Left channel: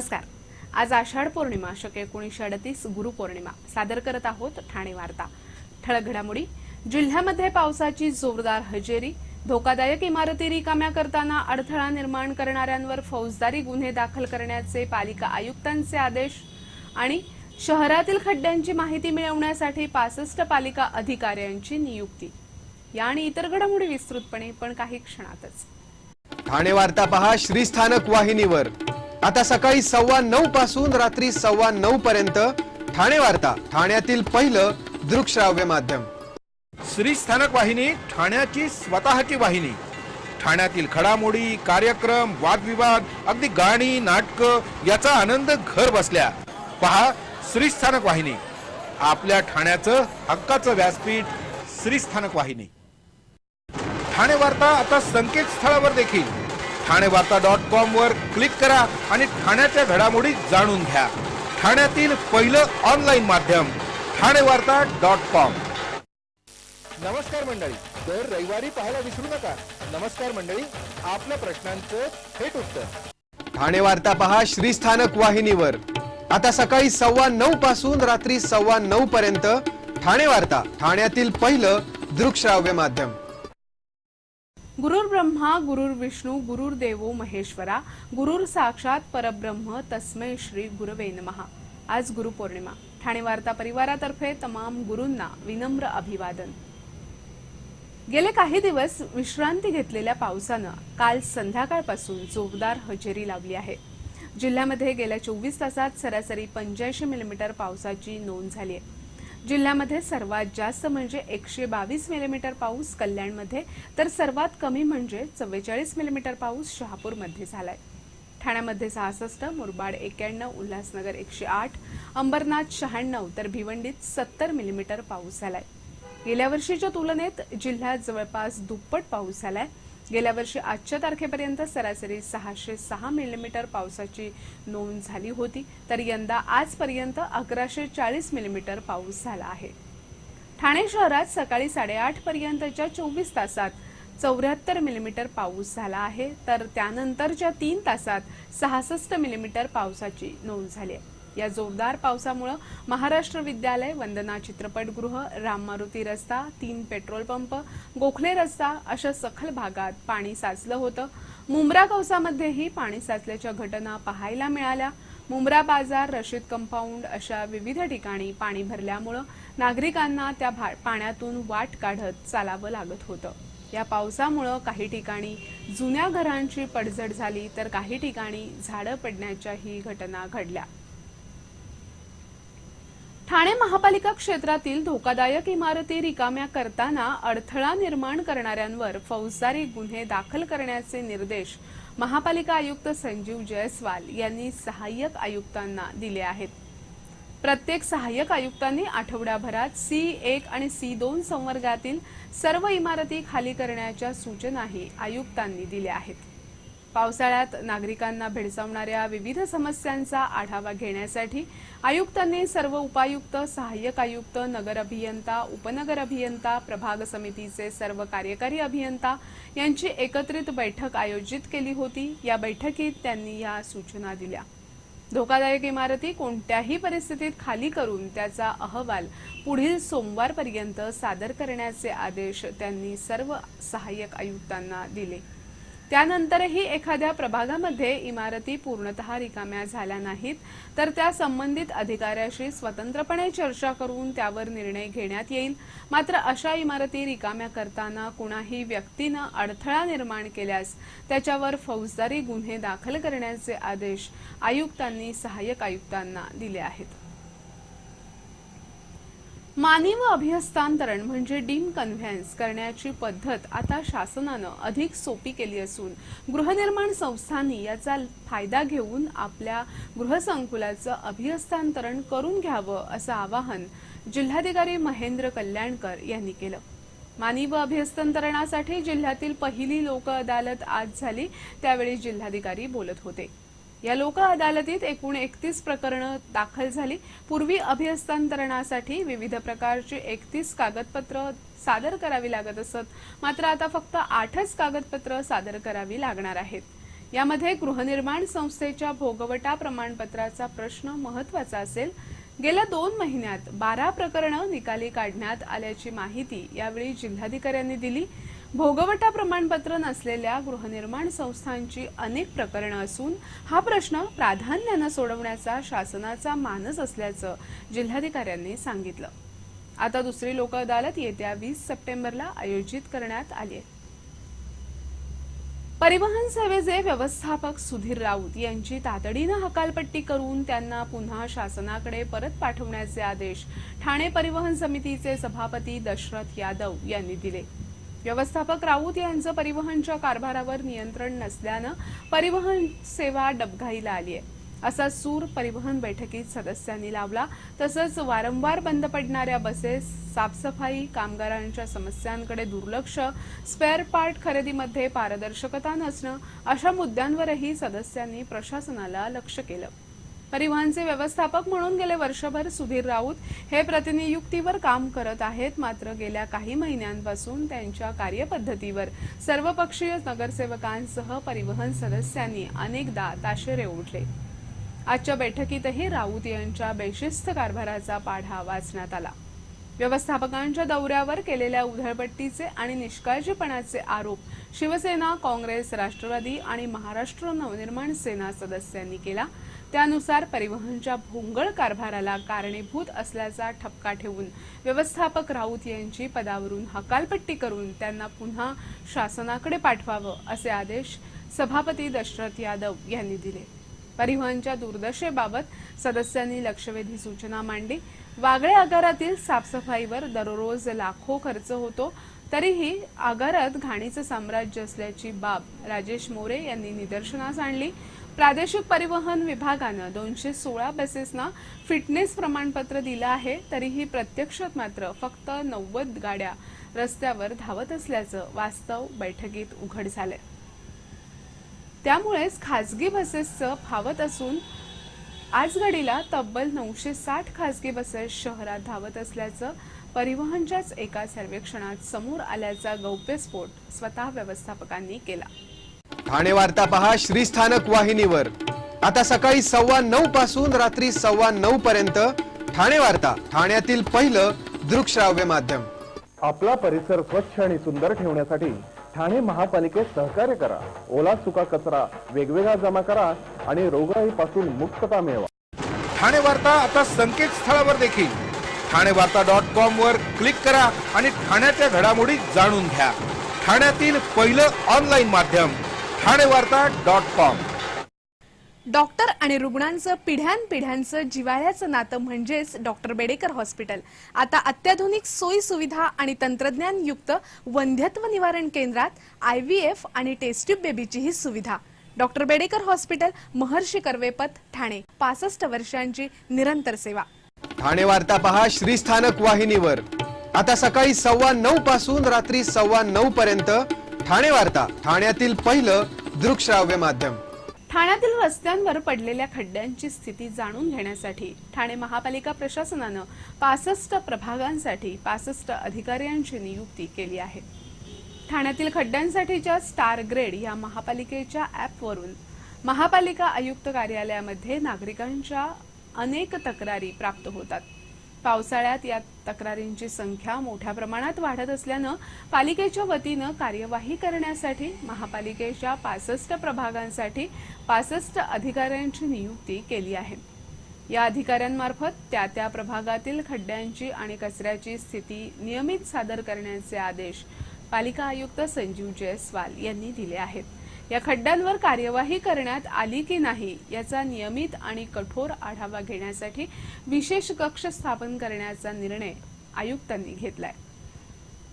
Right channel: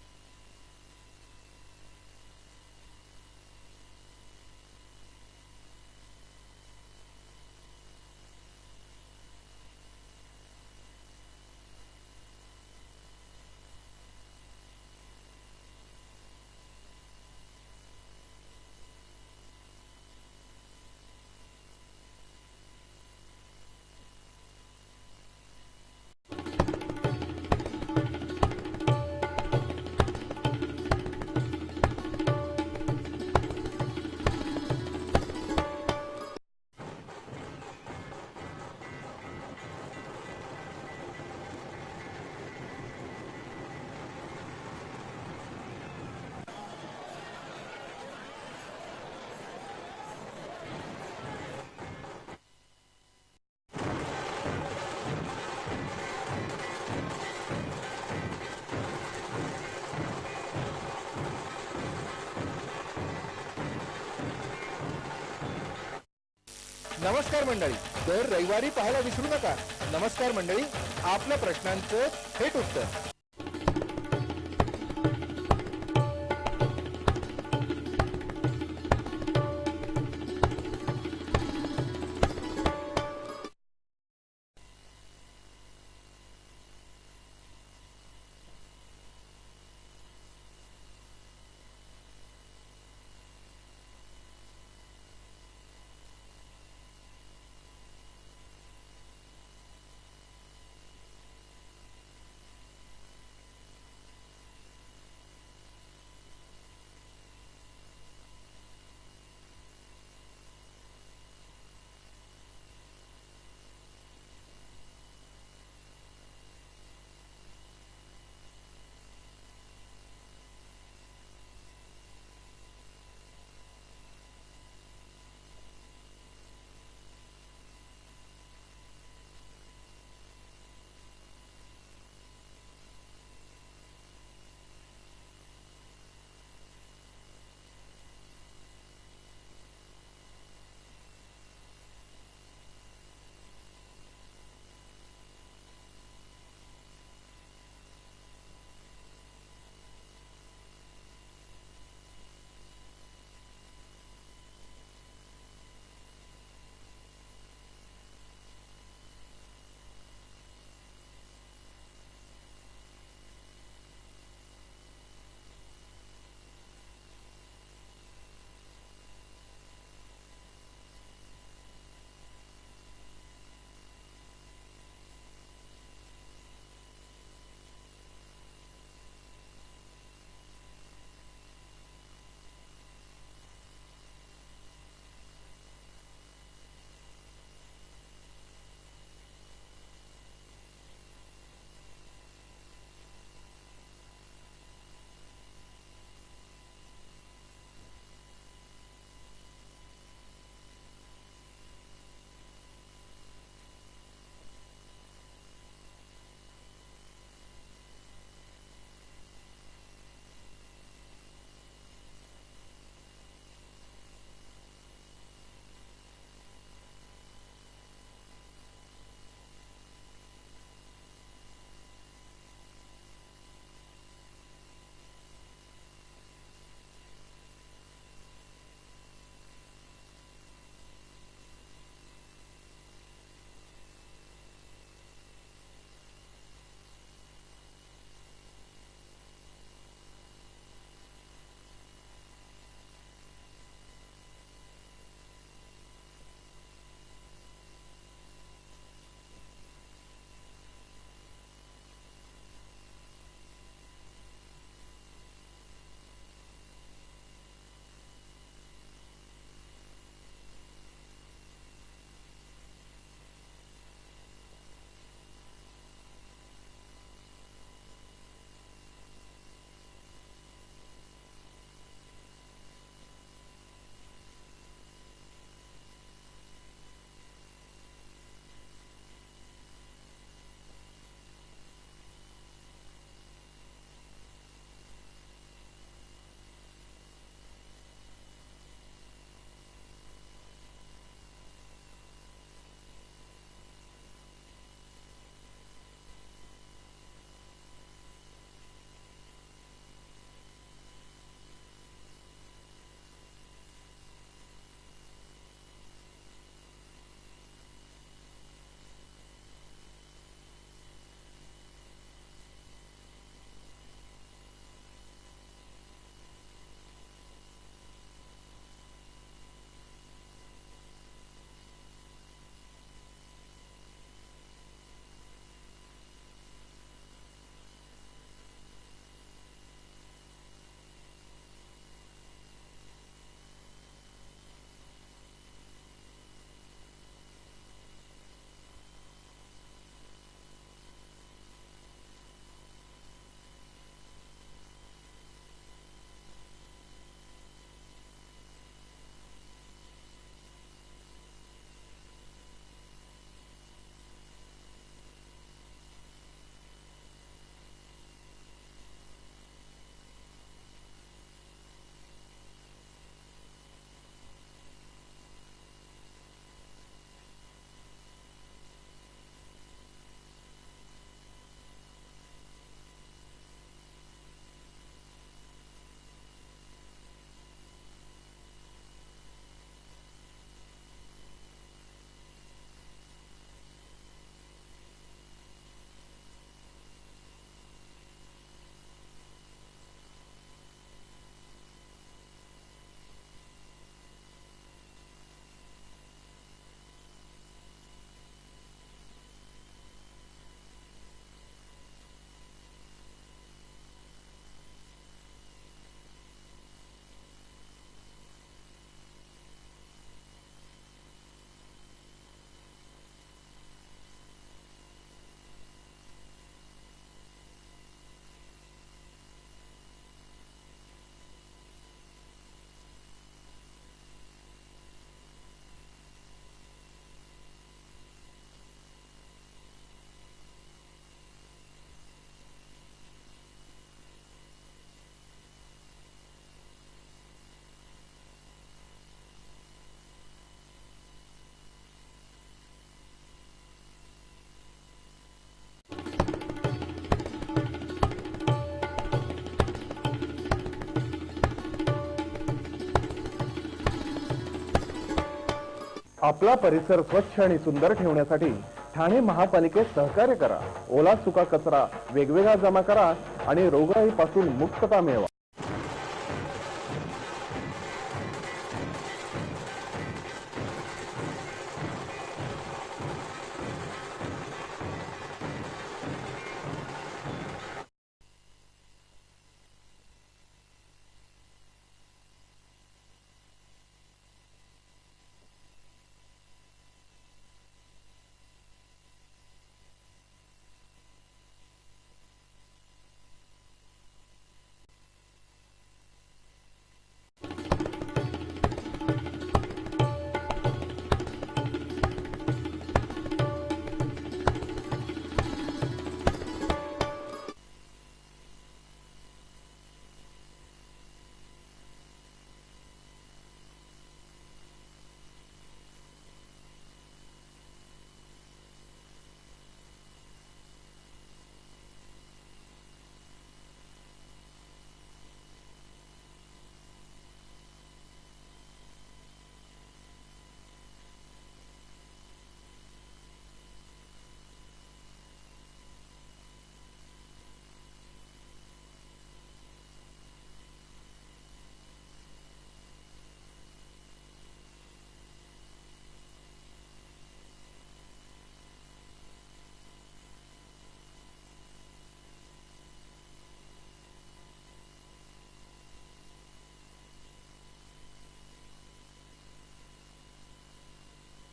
नमस्कार। आज आषाढ पौर्णिमा शके 1938 गुरुपौर्णिमा सादर करत आहोत ठाणे वार्ता। ठळक घडामोडी। जिल्ह्यामध्ये पावसाची जोरदार हजेरी, धोकादायक इमारती रिकाम्या करताना अडथळा निर्माण करणाऱ्यांवर फौजदारी गुन्हे दाखल करण्याचे पालिका आयुक्तांचे आदेश आणि शहरातील खड्ड्यांची माहिती मिळवण्यासाठी 65 पालिका अधिकाऱ्यांची नियुक्ती। या आणि इतर घडामोडी विस्तृतपणे पण काही क्षणातच। ठाणे वार्ता पहा श्रीस्थानक वाहिनीवर। आता सकाळी 9:15 पासून रात्री 9:15 पर्यंत ठाणे वार्ता, ठाण्यातील पहिलं दृकश्राव्य माध्यम। श्रीस्थानक वाहिनी ठाण्याची स्वतःची वाहिनी। ठाण्यातील घडामोडी, कार्यक्रम, वादविवाद, अगदी गाणी, नाटक याचा आनंद घर बसल्या पहा श्रीस्थानक वाहिनी। आपल्या ठाण्याचं हक्काचं व्यासपीठ श्रीस्थानक वाहिनी। ठाणे वार्ता आता संकेतस्थळावर देखील ठाणेवार्ता.com वर क्लिक करा आणि ठाण्याच्या घडामोडी जाणून घ्या। ठाण्यातील पहिलं ऑनलाईन माध्यम ठाणेवार्ता.com। नमस्कार मंडळी, दर रविवारी पाहायला विसरू नका। नमस्कार मंडळी, आपल्या प्रश्नांचं थेट उत्तर। ठाणे वार्ता पहा श्रीस्थानक वाहिनीवर। आता सकाळी 9:15 पासून रात्री 9:15 पर्यंत ठाणे वार्ता, ठाण्यातील पहिलं दृकश्राव्य माध्यम। गुरुर् ब्रह्मा गुरुर् विष्णू गुरुर्देवो महेश्वरा गुरुर् साक्षात परब्रह्म तस्मै श्री गुरवे नमः। आज गुरुपौर्णिमा। ठाणे वार्ता परिवारातर्फे तमाम गुरूंना विनम्र अभिवादन। गेले काही दिवस विश्रांती घेतलेल्या पावसानं काल संध्याकाळपासून जोरदार हजेरी लावली आहे। जिल्ह्यामध्ये गेल्या 24 तासात सरासरी 85 मिलीमीटर पावसाची नोंद झाली आहे। जिल्ह्यामध्ये सर्वात जास्त म्हणजे 122 मिलीमीटर पाऊस कल्याणमध्ये, तर सर्वात कमी म्हणजे 44 मिलीमीटर पाऊस शहापूरमध्ये झालाय। ठाण्यामध्ये 66, मुरबाड 91, उल्हासनगर 108, अंबरनाथ 96 तर भिवंडीत 70 मिलीमीटर पाऊस झालाय। गेल्या वर्षीच्या तुलनेत जिल्ह्यात जवळपास दुप्पट पाऊस झालाय। गेल्या वर्षी आजच्या तारखेपर्यंत सरासरी 606 मिलीमीटर पावसाची नोंद झाली होती, तर यंदा आजपर्यंत 1140 मिलीमीटर पाऊस झाला आहे। ठाणे शहरात सकाळी 8:30 पर्यंतच्या 24 तासात 74 मिलीमीटर पाऊस झाला आहे, तर त्यानंतरच्या 3 तासात 66 मिलीमीटर पावसाची नोंद झाली आहे। या जोरदार पावसामुळे महाराष्ट्र विद्यालय, वंदना चित्रपटगृह, राम मारुती रस्ता, 3 पेट्रोल पंप, गोखले रस्ता अशा सखल भागात पाणी साचलं होतं। मुंब्रा कौसामध्येही पाणी साचल्याच्या घटना पाहायला मिळाल्या। मुंब्रा बाजार, रशीद कंपाऊंड अशा विविध ठिकाणी पाणी भरल्यामुळे नागरिकांना त्या पाण्यातून वाट काढत चालावं लागत होतं। या पावसामुळे काही ठिकाणी जुन्या घरांची पडझड झाली, तर काही ठिकाणी झाडं पडण्याच्याही घटना घडल्या। ठाणे महापालिका क्षेत्रातील धोकादायक इमारती रिकाम्या करताना अडथळा निर्माण करणाऱ्यांवर फौजदारी गुन्हे दाखल करण्याचे निर्देश महापालिका आयुक्त संजीव जयस्वाल यांनी सहाय्यक आयुक्तांना दिले आहेत। प्रत्येक सहाय्यक आयुक्तांनी आठवड्याभरात C1 आणि C2 संवर्गातील सर्व इमारती खाली करण्याच्या सूचनाही आयुक्तांनी दिल्या आहेत। पावसाळ्यात नागरिकांना भेडसावणाऱ्या विविध समस्यांचा आढावा घेण्यासाठी आयुक्तांनी सर्व उपायुक्त, सहाय्यक आयुक्त, नगर अभियंता, उपनगर अभियंता, प्रभाग समितीचे सर्व कार्यकारी अभियंता यांची एकत्रित बैठक आयोजित केली होती। या बैठकीत त्यांनी या सूचना दिल्या। धोकादायक इमारती कोणत्याही परिस्थितीत खाली करून त्याचा अहवाल पुढील सोमवारपर्यंत सादर करण्याचे आदेश त्यांनी सर्व सहाय्यक आयुक्तांना दिले। त्यानंतरही एखाद्या प्रभागामध्ये इमारती पूर्णतः रिकाम्या झाल्या नाहीत, तर त्या संबंधित अधिकाऱ्याशी स्वतंत्रपणे चर्चा करून त्यावर निर्णय घेण्यात येईल। मात्र अशा इमारती रिकाम्या करताना कुणाही व्यक्तीनं अडथळा निर्माण केल्यास त्याच्यावर फौजदारी गुन्हे दाखल करण्याचे आदेश आयुक्तांनी सहाय्यक आयुक्तांना दिले आहेत। मानी व अभिहस्तांतरण म्हणजे डीम कन्व्हेन्स करण्याची पद्धत आता शासनानं अधिक सोपी केली असून गृहनिर्माण संस्थांनी याचा फायदा घेऊन आपल्या गृहसंकुलाचं अभिहस्तांतरण करून घ्यावं असं आवाहन जिल्हाधिकारी महेंद्र कल्याणकर यांनी केलं। मानी व अभिहस्तांतरणासाठी जिल्ह्यातील पहिली लोक अदालत आज झाली, त्यावेळी जिल्हाधिकारी बोलत होते। या लोक अदालतीत एकूण 31 प्रकरणं दाखल झाली। पूर्वी अभिहस्तांतरणासाठी विविध प्रकारची 31 कागदपत्र सादर करावी लागत असत, मात्र आता फक्त 8च कागदपत्र सादर करावी लागणार आहेत। यामध्ये गृहनिर्माण संस्थेच्या भोगवटा प्रमाणपत्राचा प्रश्न महत्त्वाचा असेल. गेल्या 2 महिन्यात 12 प्रकरणं निकाली काढण्यात आल्याची माहिती यावेळी जिल्हाधिकाऱ्यांनी दिली. भोगवटा प्रमाणपत्र नसलेल्या गृहनिर्माण संस्थांची अनेक प्रकरणं असून हा प्रश्न प्राधान्यानं सोडवण्याचा शासनाचा मानस असल्याचं जिल्हाधिकाऱ्यांनी सांगितलं. आता दुसरी लोक अदालत येत्या 20 सप्टेंबरला आयोजित करण्यात आली आहे. परिवहन सेवेचे व्यवस्थापक सुधीर राऊत यांची तातडीनं हकालपट्टी करून त्यांना पुन्हा शासनाकडे परत पाठवण्याचे आदेश ठाणे परिवहन समितीचे सभापती दशरथ यादव यांनी दिले. व्यवस्थापक राऊत यांचं परिवहनच्या कारभारावर नियंत्रण नसल्यानं परिवहन सेवा डबघाईला आली आहे असा सूर परिवहन बैठकीत सदस्यांनी लावला. तसंच वारंवार बंद पडणाऱ्या बसेस, साफसफाई, कामगारांच्या समस्यांकडे दुर्लक्ष, स्पेअर पार्ट खरेदीमध्ये पारदर्शकता नसणं अशा मुद्द्यांवरही सदस्यांनी प्रशासनाला लक्ष केलं. परिवहनचे व्यवस्थापक म्हणून गेले वर्षभर सुधीर राऊत हे प्रतिनियुक्तीवर काम करत आहेत. मात्र गेल्या काही महिन्यांपासून त्यांच्या कार्यपद्धतीवर सर्वपक्षीय नगरसेवकांसह परिवहन सदस्यांनी अनेकदा ताशेरे ओढले. आजच्या बैठकीतही राऊत यांच्या बेशिस्त कारभाराचा पाढा वाचण्यात आला. व्यवस्थापकांच्या दौऱ्यावर केलेल्या उधळपट्टीचे आणि निष्काळजीपणाचे आरोप शिवसेना, काँग्रेस, राष्ट्रवादी आणि महाराष्ट्र नवनिर्माण सेना सदस्यांनी केला. त्यानुसार परिवहनच्या भोंगळ कारभाराला कारणीभूत असल्याचा ठपका ठेवून व्यवस्थापक राऊत यांची पदावरून हकालपट्टी करून त्यांना पुन्हा शासनाकडे पाठवावं असे आदेश सभापती दशरथ यादव यांनी दिले. परिवहनच्या दुर्दशेबाबत सदस्यांनी लक्षवेधी सूचना मांडली. वागळे आगारातील साफसफाईवर दररोज लाखो खर्च होतो, तरीही आगारात घाणीचं साम्राज्य असल्याची बाब राजेश मोरे यांनी निदर्शनास आणली. प्रादेशिक परिवहन विभागानं 216 बसेसना फिटनेस प्रमाणपत्र दिलं आहे, तरीही प्रत्यक्षात मात्र फक्त 90 गाड्या रस्त्यावर धावत असल्याचं वास्तव बैठकीत उघड झालंय. त्यामुळेच खासगी बसेसचं फावत असून आजघडीला तब्बल 960 खासगी बसेस शहरात धावत असल्याचं परिवहनच्याच एका सर्वेक्षणात समोर आल्याचा गौप्यस्फोट स्वतः व्यवस्थापकांनी केला. ठाणे वार्ता पहा श्रीस्थानक वाहिनीवर. आता सकाळी 9:15 पासून रात्री 9:15 पर्यंत ठाणे वार्ता, ठाण्यातील पहिलं दृकश्राव्य माध्यम. आपला परिसर स्वच्छ आणि सुंदर ठेवण्यासाठी ठाणे महापालिकेत सहकार्य करा. ओला सुका कचरा वेगवेगळा जमा करा आणि रोगराईपासून मुक्तता मिळवा. ठाणे वार्ता आता संकेतस्थळावर देखील ठाणेवार्ता.com वर क्लिक करा आणि ठाण्याच्या घडामोडी जाणून घ्या. ठाण्यातील पहिलं ऑनलाईन माध्यम ठाणेवार्ता.com. डॉक्टर आणि रुग्णांचं पिढ्यानपिढ्यांचं जिव्हाळ्याचं नातं म्हणजेच डॉक्टर बेडेकर हॉस्पिटल. आता अत्याधुनिक सोयी सुविधा आणि तंत्रज्ञानयुक्त वंध्यत्व निवारण केंद्रात IVF आणि टेस्ट ट्यूब बेबीचीही सुविधा. डॉक्टर बेडेकर हॉस्पिटल, महर्षी कर्वेपथ, ठाणे. 65 वर्षांची निरंतर सेवा. ठाणे वार्ता पहा श्रीस्थानक वाहिनीवर. आता सकाळी 9:15 पासून रात्री 9:15 पर्यंत ठाणे वार्ता, ठाण्यातील पहिलं दृकश्राव्य माध्यम. ठाण्यातील रस्त्यांवर पडलेल्या खड्ड्यांची स्थिती जाणून घेण्यासाठी ठाणे महापालिका प्रशासनानं 65 प्रभागांसाठी 65 अधिकाऱ्यांची नियुक्ती केली आहे. ठाण्यातील खड्ड्यांसाठीच्या स्टार ग्रेड या महापालिकेच्या ॲपवरून महापालिका आयुक्त कार्यालयामध्ये नागरिकांच्या अनेक तक्रारी प्राप्त होतात. पावसाळ्यात या तक्रारींची संख्या मोठ्या प्रमाणात वाढत असल्यानं पालिकेच्या वतीनं कार्यवाही करण्यासाठी महापालिकेच्या 65 प्रभागांसाठी 65 अधिकाऱ्यांची नियुक्ती केली आहे. या अधिकाऱ्यांमार्फत त्या प्रभागातील खड्ड्यांची आणि कचऱ्याची स्थिती नियमित सादर करण्याचे आदेश पालिका आयुक्त संजीव जयस्वाल यांनी दिले आहेत. या खड्ड्यांवर कार्यवाही करण्यात आली की नाही याचा नियमित आणि कठोर आढावा घेण्यासाठी विशेष कक्ष स्थापन करण्याचा निर्णय आयुक्तांनी घेतलाय.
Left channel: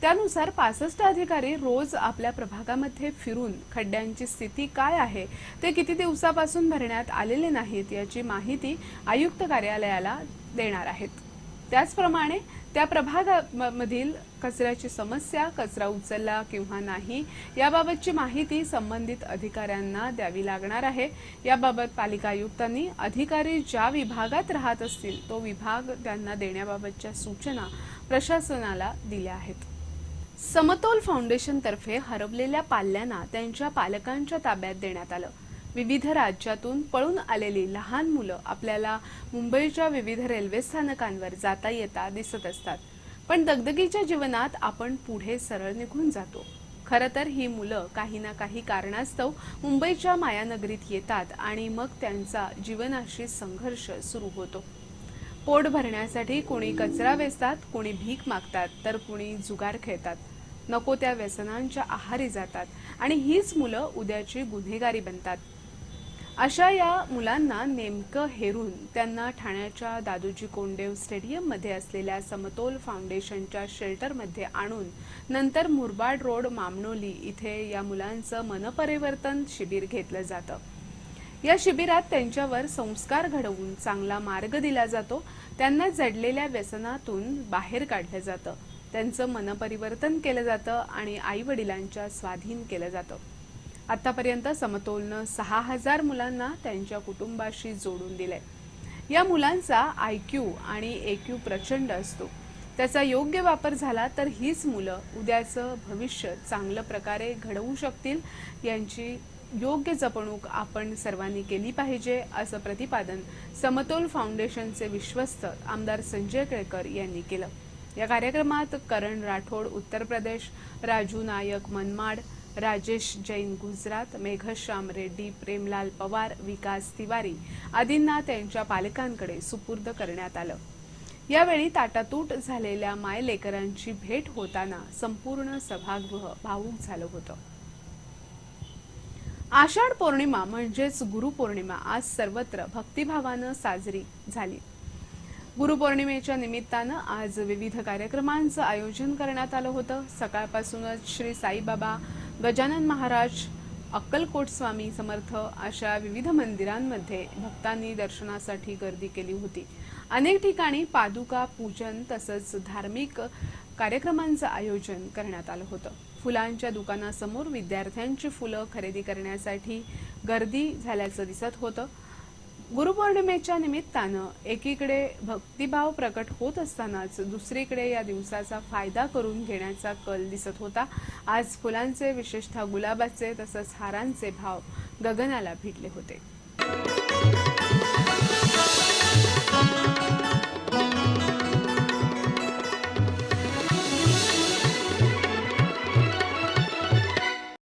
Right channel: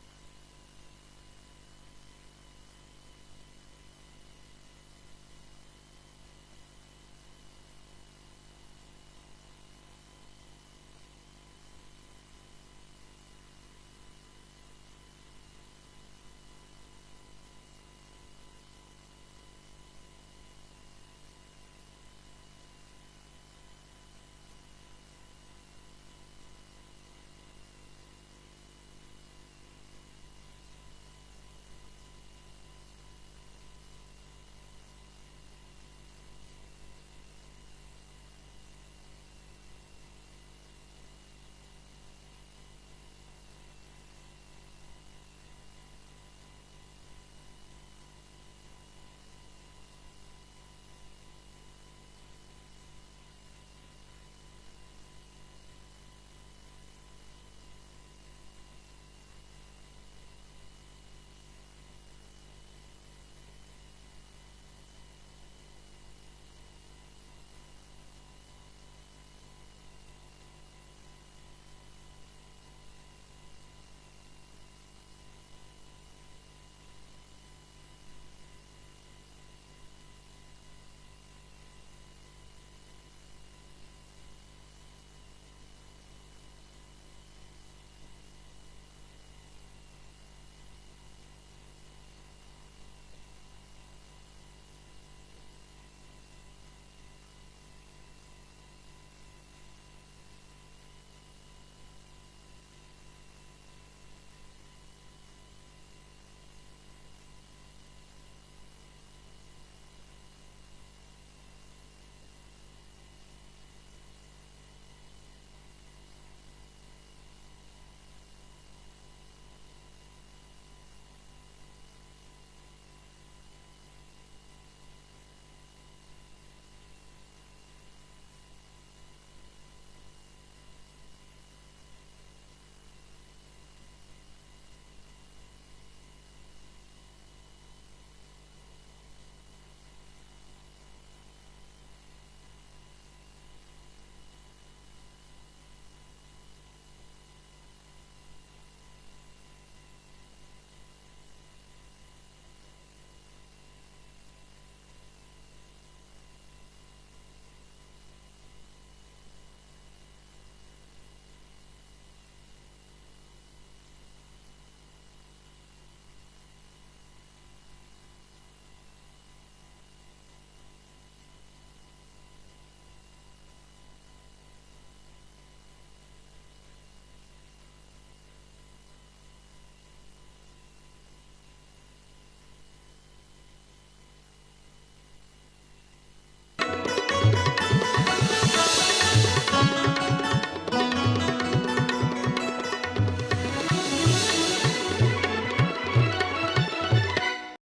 त्यानुसार 65 अधिकारी रोज आपल्या प्रभागामध्ये फिरून खड्ड्यांची स्थिती काय आहे, ते किती दिवसापासून भरण्यात आलेले नाहीत याची माहिती आयुक्त कार्यालयाला देणार आहेत. त्याचप्रमाणे त्या प्रभागामधील कचऱ्याची समस्या, कचरा उचलला किंवा नाही याबाबतची माहिती संबंधित अधिकाऱ्यांना द्यावी लागणार आहे. याबाबत पालिका आयुक्तांनी अधिकारी ज्या विभागात राहत असतील तो विभाग त्यांना देण्याबाबतच्या सूचना प्रशासनाला दिल्या आहेत. समतोल फाउंडेशन तर्फे हरवलेल्या पाल्यांना त्यांच्या पालकांच्या ताब्यात देण्यात आलं. विविध राज्यातून पळून आलेली लहान मुलं आपल्याला मुंबईच्या विविध रेल्वे स्थानकांवर जाता येता दिसत असतात. पण दगदगीच्या जीवनात आपण पुढे सरळ निघून जातो. खरं तर ही मुलं काही ना काही कारणास्तव मुंबईच्या मायानगरीत येतात आणि मग त्यांचा जीवनाशी संघर्ष सुरू होतो. पोट भरण्यासाठी कोणी कचरा वेचतात, कोणी भीक मागतात, तर कोणी जुगार खेळतात, नको त्या व्यसनांच्या आहारी जातात आणि हीच मुलं उद्याची गुन्हेगारी बनतात. अशा या मुलांना नेमकं हेरून त्यांना ठाण्याच्या दादोजी कोंडदेव स्टेडियममध्ये असलेल्या समतोल फाउंडेशनच्या शेल्टरमध्ये आणून नंतर मुरबाड रोड मामनोली इथे या मुलांचं मनपरिवर्तन शिबिर घेतलं जातं. या शिबिरात त्यांच्यावर संस्कार घडवून चांगला मार्ग दिला जातो. त्यांना जडलेल्या व्यसनातून बाहेर काढलं जातं, त्यांचं मनपरिवर्तन केलं जातं आणि आई वडिलांच्या स्वाधीन केलं जातं. आतापर्यंत समतोलनं 6000 मुलांना त्यांच्या कुटुंबाशी जोडून दिलंय. या मुलांचा IQ आणि EQ प्रचंड असतो. त्याचा योग्य वापर झाला तर हीच मुलं उद्याचं भविष्य चांगल्या प्रकारे घडवू शकतील. यांची योग्य जपणूक आपण सर्वांनी केली पाहिजे, असं प्रतिपादन समतोल फाउंडेशनचे विश्वस्त आमदार संजय केळकर यांनी केलं. या कार्यक्रमात करण राठोड उत्तर प्रदेश, राजू नायक मनमाड, राजेश जैन गुजरात, मेघश्याम रेड्डी, प्रेमलाल पवार, विकास तिवारी आदींना त्यांच्या पालकांकडे सुपूर्द करण्यात आलं. यावेळी ताटातूट झालेल्या मायलेकरांची भेट होताना संपूर्ण सभागृह भावूक झालं होतं. आषाढ पौर्णिमा म्हणजेच गुरुपौर्णिमा आज सर्वत्र भक्तिभावानं साजरी झाली. गुरुपौर्णिमेच्या निमित्तानं आज विविध कार्यक्रमांचं आयोजन करण्यात आलं होतं. सकाळपासूनच श्री साईबाबा, गजानन महाराज, अक्कलकोट स्वामी समर्थ अशा विविध मंदिरांमध्ये भक्तांनी दर्शनासाठी गर्दी केली होती. अनेक ठिकाणी पादुका पूजन तसंच धार्मिक कार्यक्रमांचं आयोजन करण्यात आलं होतं. फुलांच्या दुकानासमोर विद्यार्थ्यांची फुलं खरेदी करण्यासाठी गर्दी झाल्याचं दिसत होतं. गुरुपौर्णिमेच्या निमित्तानं एकीकडे भक्तिभाव प्रकट होत असतानाच दुसरीकडे या दिवसाचा फायदा करून घेण्याचा कल दिसत होता. आज फुलांचे, विशेषतः गुलाबाचे तसंच हारांचे भाव गगनाला भिडले होते.